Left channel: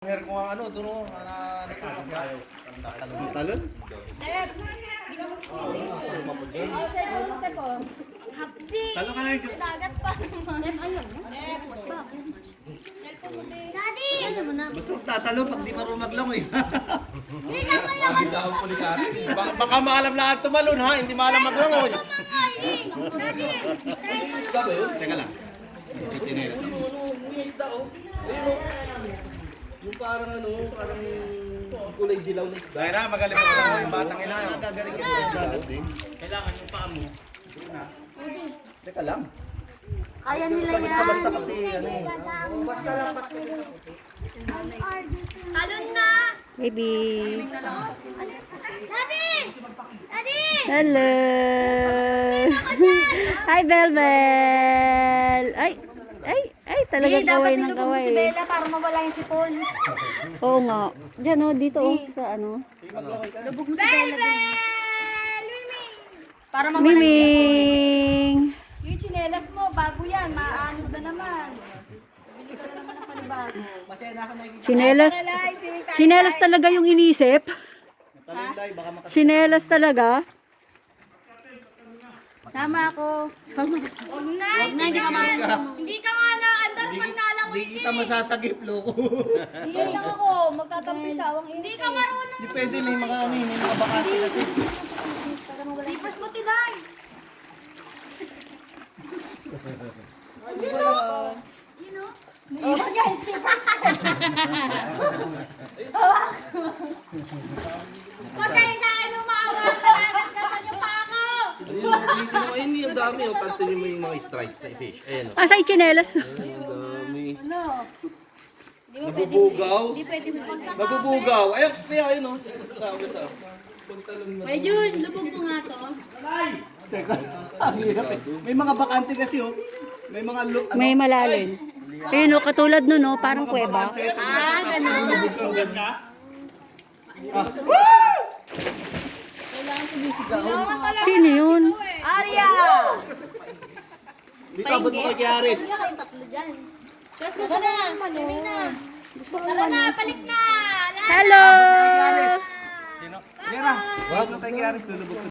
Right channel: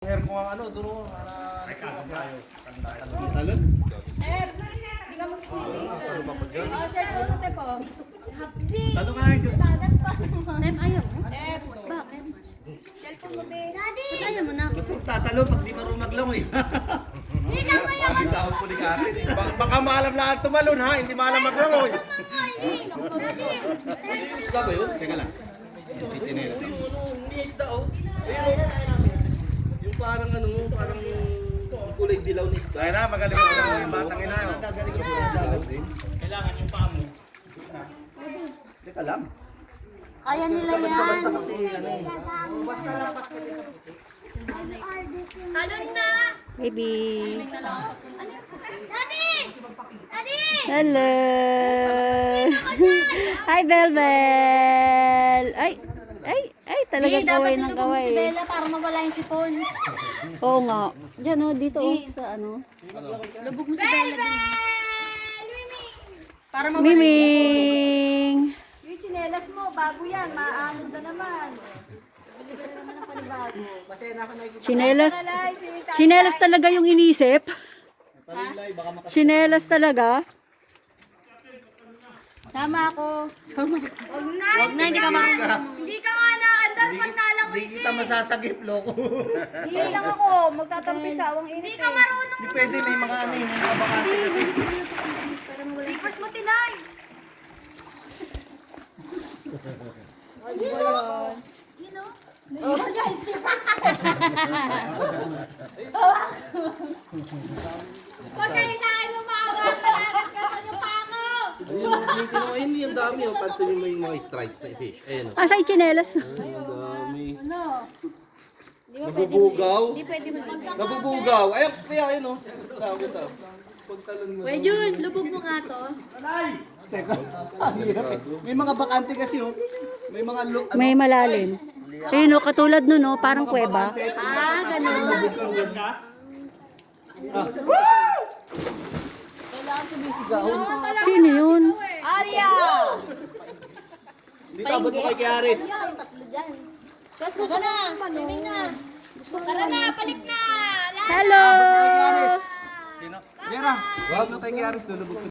Hair ko ang ano, doon Talon? Sir, hindi ka magsulit. Sir, ulit po. Hapdi. Talon ka na. Dagat pa naman. Ayun. Daddy! Ano mo na? Basta tatalo pag di marunong maglangoy. Hindi na mo yung Baka maalam lahat tumalon ha, hindi maalam maglangoy. Daddy! Teka lang. Titinelas ako. May isda oh. Yung parang ano, parang kulay dilaw na isda. Kaya na, magaling ako yung batang ina. Gagaling ka sa dagat din. Kailangan yung paa mo. Teka lang. Kaya nila yan. Basta kasi ano eh. Talon na! Baby. Daddy! Daddy! Hello. Hi, Belbel. Ay, talagang kaway ng kaway. Si Bella para mawala yung sipon. Oo nga. Diyan oh, dito oh, sa ano. Lubog mo si Bella din. Para mawala yung Miming. yung tsinelas mo, bago yan, maanod na naman. Bili ka na naman ng panibago. Chinelas. Chinelas talaga yung inisip. Chinelas talaga. Sama ako. Sama ka. Huwag na, hindi ka marunong. Hindi ka nga na-andar pag nalangoy Hindi kita masasagip, loko. Hindi lang ako, magtatampisawang hindi ka marunong. Hindi pwede, may mga ano eh, may mga bakante kasi. Slippers mo, tinay. Yun o. Yun o. Iwan niya yung slippers ko. Huwag kayo na ano maawa sa nagkakasan yung pango. Hindi yung dami, yung pansinin mo yung mga stripes na fish. Ayan o. Asa yung chinelas? Ang dami. Ano? Nabubugaw. Hindi pwede mo Nabubugaw. Ayun, kaya ayun o. Pwede yun, lubog mo nga to. Teka, ang hirap eh. May mga bakante kasi oh. May mga May malalim. Ayun oh, katulad nun oh, parang kuweba. Sino yun? Arya! Dito abot mo kay Aris. Tara na, swimming na. Tara na, balik na. Hello! Yera, wag na kay Aris, lulubog